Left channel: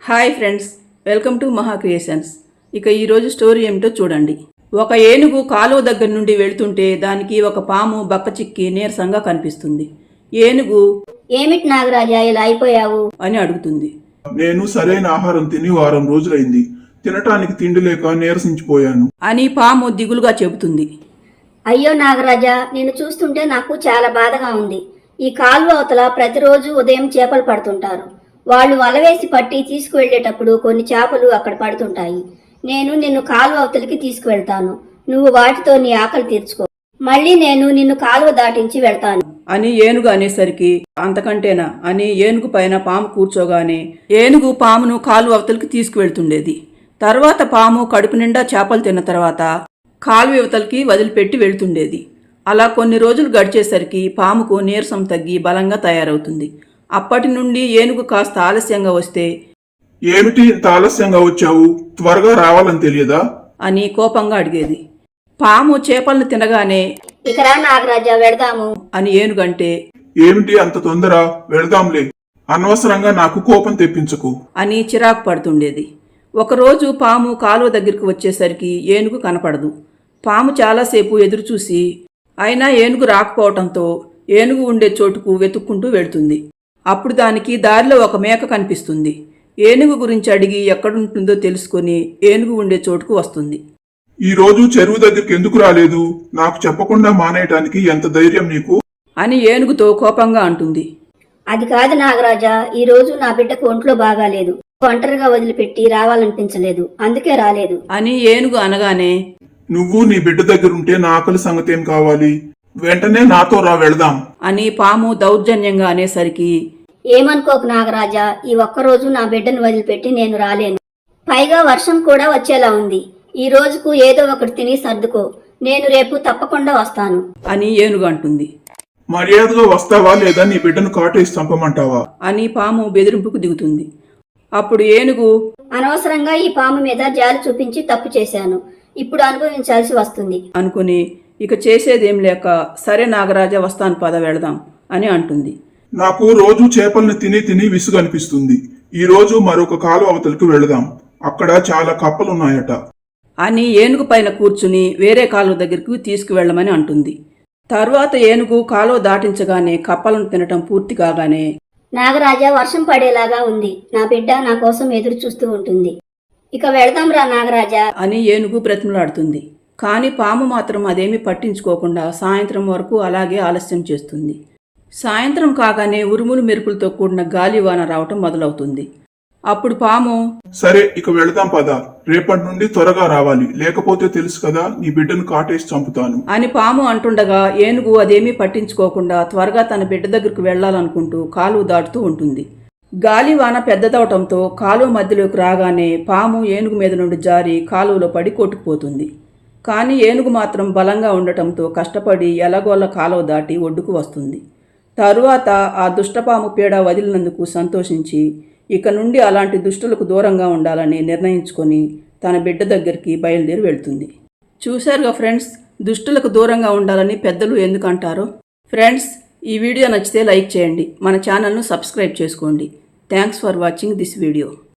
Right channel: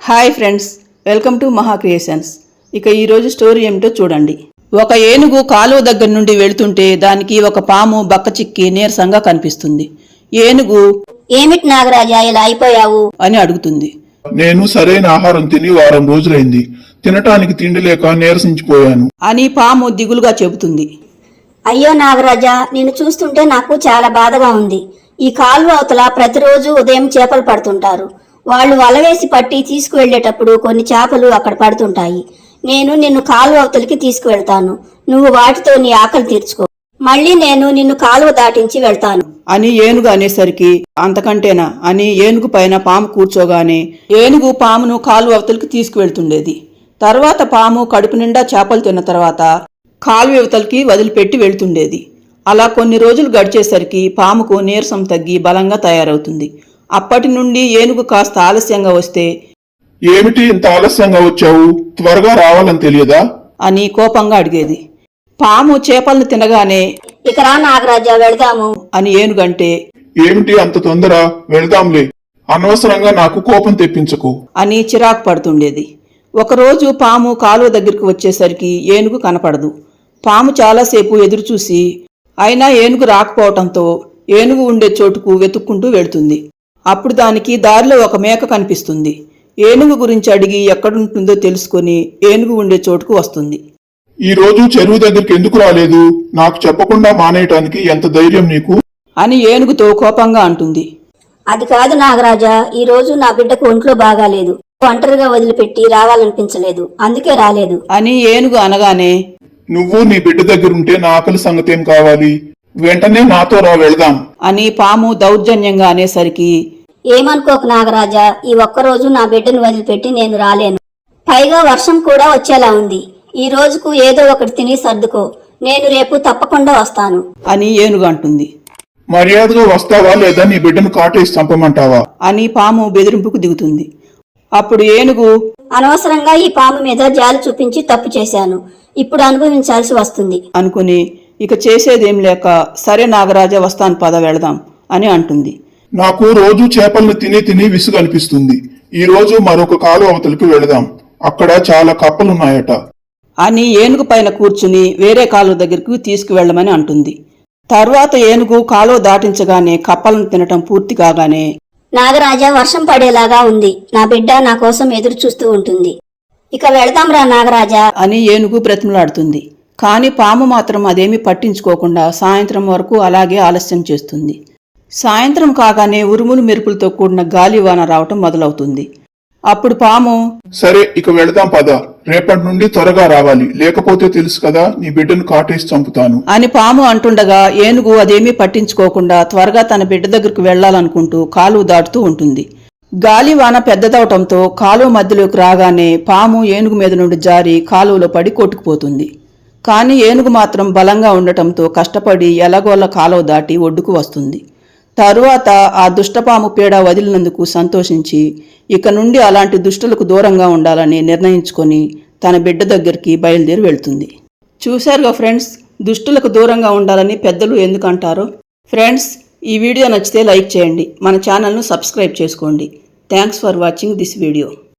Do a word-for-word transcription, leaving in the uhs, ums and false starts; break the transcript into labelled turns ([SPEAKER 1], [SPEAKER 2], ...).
[SPEAKER 1] Hi friends, welcome to Maha creations. ఇక ఈరోజు story ఏమిటో చూడండి. ఒక ఏనుగు కాలువ దగ్గర నుండి వెళ్తుంటే దానికి ఒక పాము బక్క చిక్కి నీరసంగా కనిపిస్తుంది. ఏనుగు,
[SPEAKER 2] ఏమిటి నాగరాజా ఇలా అయిపోయావు
[SPEAKER 1] అని అడుగుతుంది.
[SPEAKER 3] నేను సరైన ఆహారం తిని వారం రోజులైంది. తినటానికి తిండి లేక నీరసించిపోయాను
[SPEAKER 1] అని పాము దిగులుగా చెబుతుంది.
[SPEAKER 2] అయ్యో నాగరాజా, నేను చూస్తుంటే నాకు చాలా బాధగా ఉంది. ఈ కాలువ అవతల ప్రతిరోజు ఉదయం చేపలు పడుతుంటారు. వాళ్ళు వలవేసి పట్టి తీసుకువెళ్లేటప్పుడు కొన్ని చేపలు అక్కడ పడుతుంటాయి. నేను నిన్ను కాలువ అవతలికి తీసుకువెళ్తాను. నువ్వు వాటితో నీ ఆకలి తీర్చుకో. మళ్ళీ నేను నిన్ను కాలువ దాటించి వెళ్తాను
[SPEAKER 1] అని ఏనుగు అనేసరికి, అంతకంటేనా అని ఏనుగు పైన పాము కూర్చోగానే ఏనుగు పామును కాలువ అవతలికి తీసుకువెళ్తుండేది. తర్వాత పాము కడుపు నిండా చేపలు తిన్న తర్వాత కాలువ అవతలికి వదిలిపెట్టి వెళ్తుండేది. అలా కొన్ని రోజులు గడిచేసరికి పాముకు నీరసం తగ్గి బలంగా తయారవుతుంది. అప్పటి నుండి ఏనుగు కాస్త ఆలస్యంగా వస్తే,
[SPEAKER 3] ఏమిటి ఇంత ఆలస్యంగా వచ్చావు? త్వరగా రావాలని తెలియదా
[SPEAKER 1] అని కోపంగా అడిగేది. పాము చేపలను తినగానే,
[SPEAKER 2] ఇక రా నాగరాజా వెళదాము
[SPEAKER 1] అని ఏనుగంటే,
[SPEAKER 3] ఏమిటి అంత తొందర? వెళదాంలే, అనవసరంగా నాకు కోపం తెప్పించకు
[SPEAKER 1] అని చిరాకు పడుతుండేది. ఒకరోజు పాము కాలువ దగ్గరికి వచ్చేసరికి ఏనుగు కనపడదు. పాము చాలాసేపు ఎదురుచూసి అయినా ఏనుగు రాకపోవటంతో ఏనుగు ఉండే చోటుకు వెతుక్కుంటూ వెళ్తుంది. అప్పుడు దానికి దారిలో ఒక మేక కనిపిస్తుంది. ఏనుగు గురించి అడిగి ఎక్కడుంటుందో తెలుసుకుని ఏనుగు ఉండే చోటుకు వస్తుంది.
[SPEAKER 3] ఈ రోజు చెరువు దగ్గరికి ఎందుకు రాలేదు? నాకు చెప్పకుండా మానేయటానికి ఎంత ధైర్యం నీకు?
[SPEAKER 1] అని ఏనుగుతో కోపంగా అంటుంది.
[SPEAKER 2] అది కాదు నాగరాజా, ఈ రోజు నా బిడ్డకు ఒంట్లో బాగాలేదు. ఒంటరిగా వదిలిపెట్టి రావాలనిపించలేదు, అందుకే రాలేదు
[SPEAKER 1] అని ఏనుగు అనగానే,
[SPEAKER 3] నువ్వు నీ బిడ్డ దగ్గరుంటే నా ఆకలి సంగతేం కావాలి? వెంటనే నాతో రా, వెళదాం
[SPEAKER 1] అని పాము దౌర్జన్యంగా అనేసరికి,
[SPEAKER 2] ఏమనుకోకు నాగరాజా, ఈ ఒక్కరోజు నా బిడ్డను వదిలిపెట్టి నేను రాలేను. పైగా వర్షం కూడా వచ్చేలా ఉంది. ఈ రోజుకు ఏదో ఒకటి తిని సర్దుకో. నేను రేపు తప్పకుండా వస్తాను
[SPEAKER 1] అని ఏనుగు అంటుంది.
[SPEAKER 3] మర్యాదగా వస్తావా లేదా నీ బిడ్డను కాటేసి చంపమంటావా
[SPEAKER 1] అని పాము బెదిరింపుకు దిగుతుంది. అప్పుడు ఏనుగు,
[SPEAKER 2] అనవసరంగా ఈ పాము మీద జాలి చూపించి తప్పు చేశాను. ఇప్పుడు అనుభవించాల్సి వస్తుంది
[SPEAKER 1] అనుకుని ఇక చేసేదేం లేక, సరే నాగరాజా వస్తాను, పద వెళదాం అని అంటుంది.
[SPEAKER 3] నాకు రోజు చేపలను తిని తిని విసుగు అనిపిస్తుంది. ఈ రోజు మరొక కాలువ అవతలికి వెళదాం. అక్కడ చాలా కప్పలున్నాయట
[SPEAKER 1] అని ఏనుగు పైన కూర్చుని వేరే కాలువ దగ్గరకు తీసుకువెళ్లమని అంటుంది. తరువాత ఏనుగు కాలువ దాటించగానే కప్పలను తినటం పూర్తి కాగానే,
[SPEAKER 2] నాగరాజా వర్షం పడేలాగా ఉంది. నా బిడ్డ నా కోసం ఎదురు చూస్తూ ఉంటుంది. ఇక వెళదాం రా నాగరాజా
[SPEAKER 1] అని ఏనుగు బ్రతిమలాడుతుంది. కాని పాము మాత్రం అదేమీ పట్టించుకోకుండా సాయంత్రం వరకు అలాగే ఆలస్యం చేస్తుంది. సాయంత్రం కాగానే ఉరుములు మెరుపులతో కూడిన గాలివాన రావటం మొదలవుతుంది. అప్పుడు పాము,
[SPEAKER 3] సరే ఇక వెళదాం పద. రేపటి నుండి త్వరగా రావాలి, లేకపోతే తెలుసు కదా నీ బిడ్డను కాటేసి చంపుతాను
[SPEAKER 1] అని పాము అంటుండగా ఏనుగు అదేమీ పట్టించుకోకుండా త్వరగా తన బిడ్డ దగ్గరకు వెళ్లాలనుకుంటూ కాలువ దాటుతూ ఉంటుంది. గాలివాన పెద్దదవటంతో కాలువ మధ్యలోకి రాగానే పాము ఏనుగు మీద నుండి జారి కాలువలో పడి కొట్టుకుపోతుంది. కానీ ఏనుగు మాత్రం బలంగా ఉండటంతో కష్టపడి ఎలాగోలా కాలువ దాటి ఒడ్డుకు వస్తుంది. తరువాత ఆ దుష్టపాము పీడ వదిలినందుకు సంతోషించి ఇక నుండి అలాంటి దుష్టులకు దూరంగా ఉండాలని నిర్ణయించుకొని తన బిడ్డ దగ్గరికి బయలుదేరి వెళ్తుంది. చూశారుగా ఫ్రెండ్స్, దుష్టులకు దూరంగా ఉండాలని పెద్దలు ఎందుకు అంటారో. ఫ్రెండ్స్, ఈ వీడియో నచ్చితే లైక్ చేయండి, మన ఛానల్ను సబ్స్క్రైబ్ చేసుకోండి. Thanks for watching this video.